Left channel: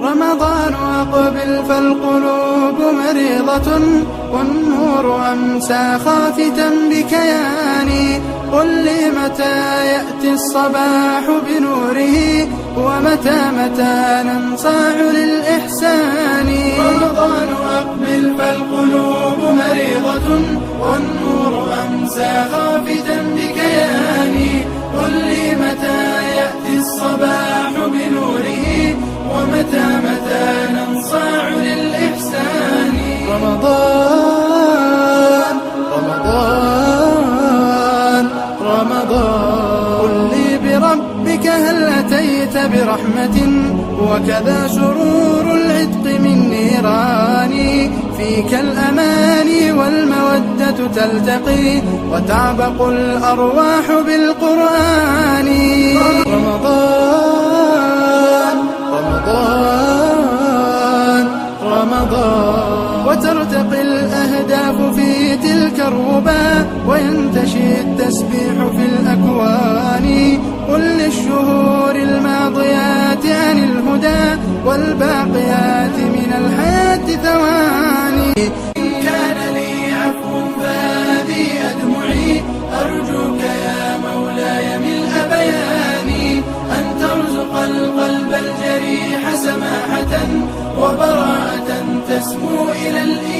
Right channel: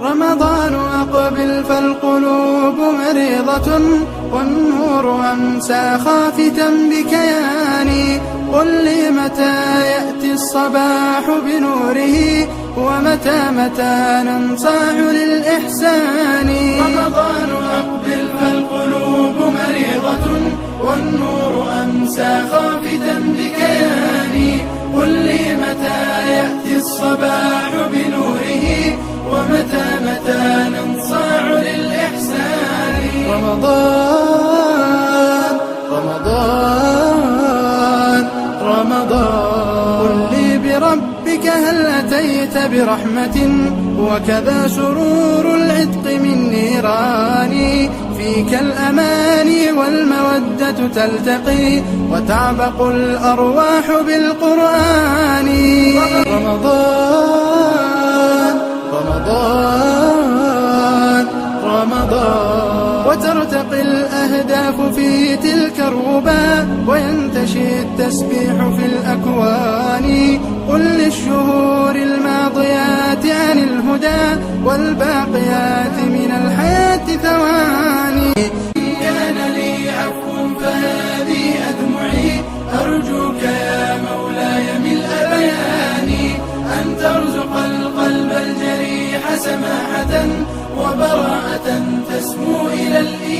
رمضان أقبل فالقلوب مريضة، والنور أمسى خافتا بكياني. قل لي متى يأتي الصباح بنوره، ومتى ننصاع للإحسان. رمضان أقبل فالقلوب مريضة، والنور أمسى خافتا بكياني. قل لي متى يأتي الصباح بنوره، ومتى ننصاع للإحسان. رمضان رمضان رمضان، قل لي بربك هل أتيت برحمة، وكذا سرور العتق من نيران. فيك الأماني والمودة تلتقي، وتعبق الأرواح بالقرآن. رمضان رمضان رمضان، وترتقي الأهداف في تلك الربا، وينتشي التسبيح في الأكوان. قل للشهور الماضيات عن الهدى، والباقيات من الحياة ثواني. كان لي عفو فهذه أدمعي، أرجوك يا مولاي ملء بياني، أن ترزق القلب الجريح سماحة، وبراءة تسمو إلى الإيمان.